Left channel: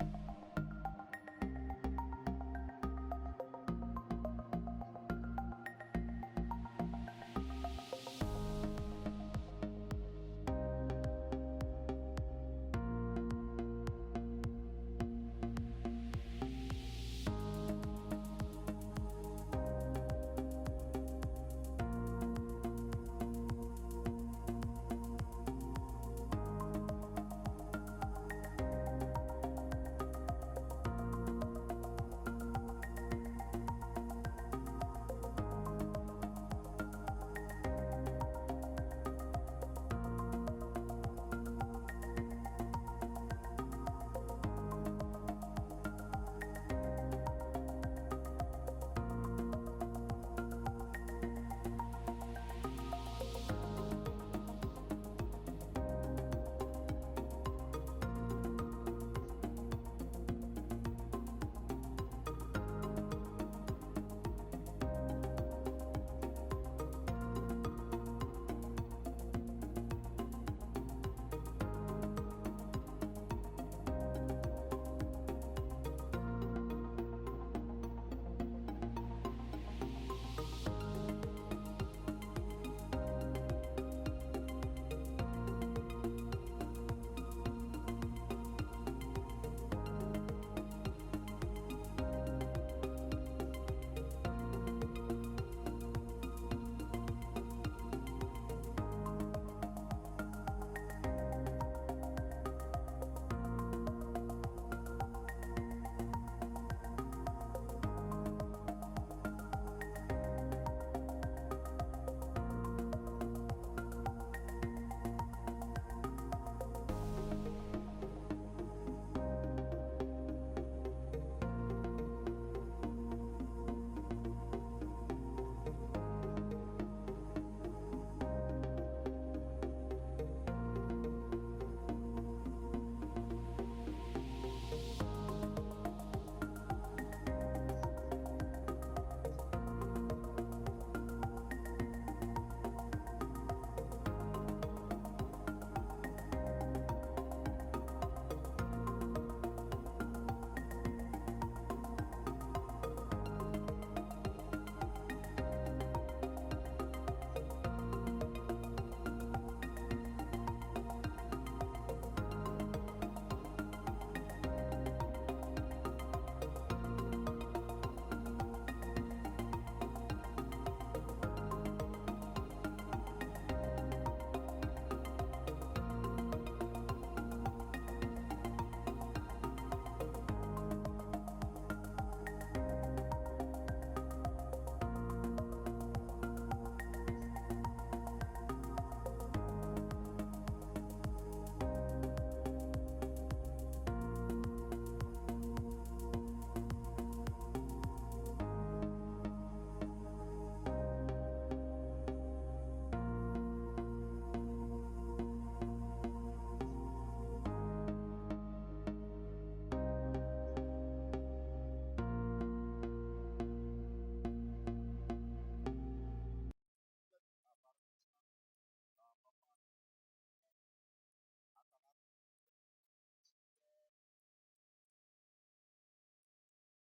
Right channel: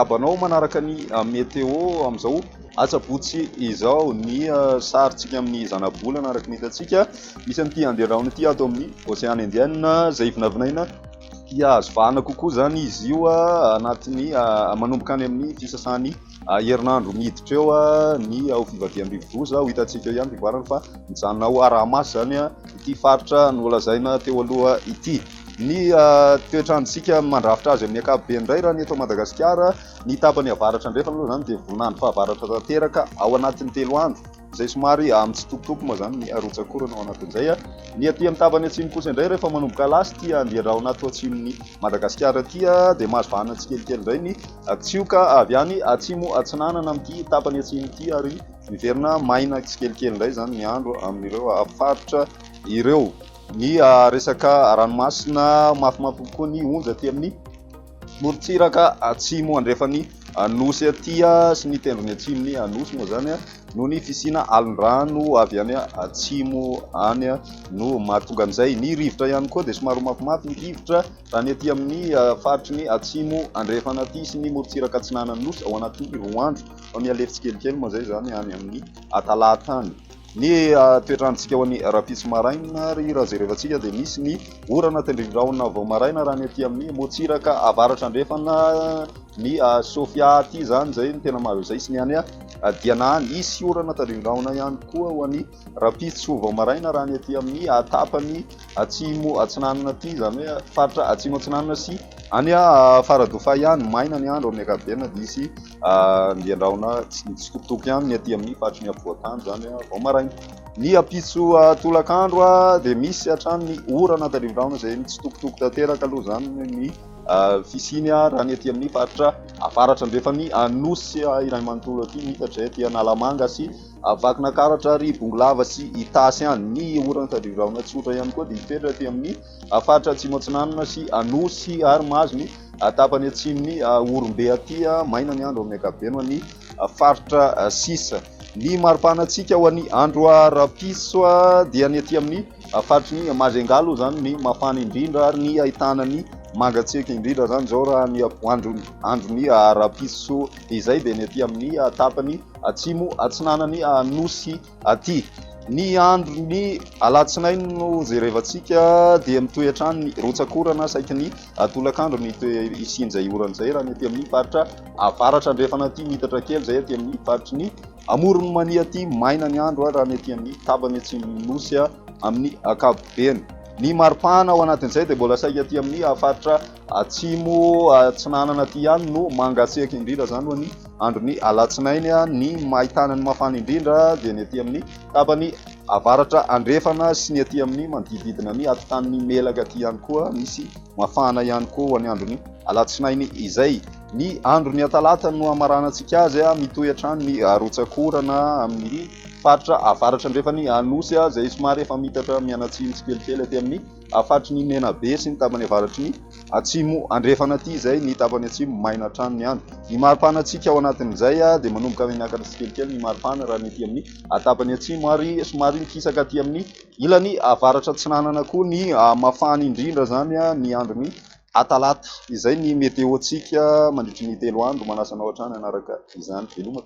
arabanao manaraka ny meteo amin'izao atsabotsy izao ny sarintsika amin'ny zanabolana araka ny hitantsika misy an'ity andehanahona ity ato amin'ny Ocean Indienne izay vinavinaina dia azo vahana kokoa zany izy io anatiny manomboka any amin'ny fisasany herinandro miditra eo ny ao fivadiam-bivoza ho hitantsika ihany fivoarana fa mijanona ao Aramasy zany ity faritra nolazaina teo aloha ity. Ny toetrandrontsika mandrafitra azy amin'ny ankapobeny indray raha ny eto Madagascar ny tapany avaratra ndrefa aloha zany dia voninandro fahavaratra tanteraka ao anatin'ny 3 andro izay somary mitsitokotoko moa zany ny arotsakorana ao anatin'izay. Ny aty amin'ny tapany atsimo kosa indray rehefa manomboka lasy ity andiarahona ato atsimon'ny Madagascar aty dia mahazo vahana tsikelikely indray ny tsioka avy any atsimo atsinanana amin'ity tapany atsimo ity ary miverina maina tsikelikely indray zany ny andro amin'ireo faritra ireo. Ny resaka ranomasina mafimafy kokoa ny onja aty amin'ny morontsiraka atsimo andrefany nosy aty sy ny tendrony atsimony nosy moa zany noho ny fisina alondrano avy any atsimo any no mahatonga an'izay. Ny rivotra ihany koa dia somary mafimafy ny rivotra raha ny aty amin'ny faritry ny atsimo andrefana aty sy ny morontsiraka atsinanany nosy ao anatin'ny 2 andro ao ny alefa tsikelikely moa zay zany any amin'ny talatany. Ny toetrandrontsika ho an'ny rapitso maraina ry raha jerevantsika dia misy ny orana tendrindraona vao maraina raha ny aty amin'ny morontsiraka avaratra andrefana ny Sofia aty zany zay ny tena mahazo izay sy ny any Dianany isy orana tendrindraona ihany koa ho an'ny rapitso vao maraina raha ny aty amin'ny tapany atsimo atsinanana aty zany hoe faritra atsimo atsinanana sy any Faradofa ihany maina ny andro amin'ny ankapobeny dia isy andiandraona tsitokotoko ihany ny aty amin'ny faritry ny ampovoantany zany vao maraina. Ny apitso tolakandro dia misy hatrany ny orana tendrindraona izay mitsitokotoko tanteraka aloha zany ny fisiny raha ny aty amin'ny faritra avaratra andrefany nosy iray manontolo aty mitatra aty Analamanga sy Vakinankaratra ary Bongolava sy Itasy any. Ny orana tendrindraona tsotra ihany koa dia mitoetra aty amin'ny faritra atsimo atsinanana sy nosy ary mahazo ny tapany atsimony Orombe aty maina ny andro amin'ny ankapobeny ho an'ny faritra sisa. Ny maripanantsika ho an'ny andro rapiso dia ny aty amin'ny faritry ny Majengalo zany ny mafana indrindra ary ny ahitana ny mangatsiaka indrindra zany zao raha ny andron'ny rapiso izay dia ny aty amin'ny tapany atsimo atsinanany nosy aty. Ny andron'ny alatsinainy no jerevantsika dia mitohy hatrany ny rotsakorana saika ny tolakandro ny isinjay orana izay raha ny aty amin'ny faritra avaratra andrefana aty mitatra kely zay aty amin'ny faritry ny Amorony mania aty maina ny andro raha ny aty amin'ny tapany atsimo nosy amin'ny ankapobeny. Ny maripana ao anatin'izay dia mbola saika aty amin'ny faritra atsimo atsinanana aty ihany no mangatsiaka indrindra zany ho ny andron'ny alatsinainy. Ny mahitana ny mafana indrindra dia ny aty amin'ny tapany avaratra andrefana sy ny aty amin'ny manodididina ny atotan'ny melaka aty ihany koa misy mafana ihany koa ho an'ny andron'ny alatsinainy izay. Ny andron'ny talata no amaranantsika azy mitohy hatrany ny rotsakorana amin'ny faritra avaratra andrefany nosy izay somary efa mitatra mianatsimo tsikelikely aty amin'ny faritry ny Menabe sy ny tapany avaratry ny atsimo andrefana aty izay ny tapany atsimo maina hatrany ny andro. Ny maripanantsika ao anatin'izay dia manomboka miakatra tsikelikely ny maripana raha ny aty amin'ny tapany atsimo ary somary mikisaka aty amin'ny ilany avaratra atsinanana koa ny mafana indrindra zany ny andron'ny talata. Izay ny meteontsika mandritry ny 3 andro manasanao hatrany anaraka izany veloma.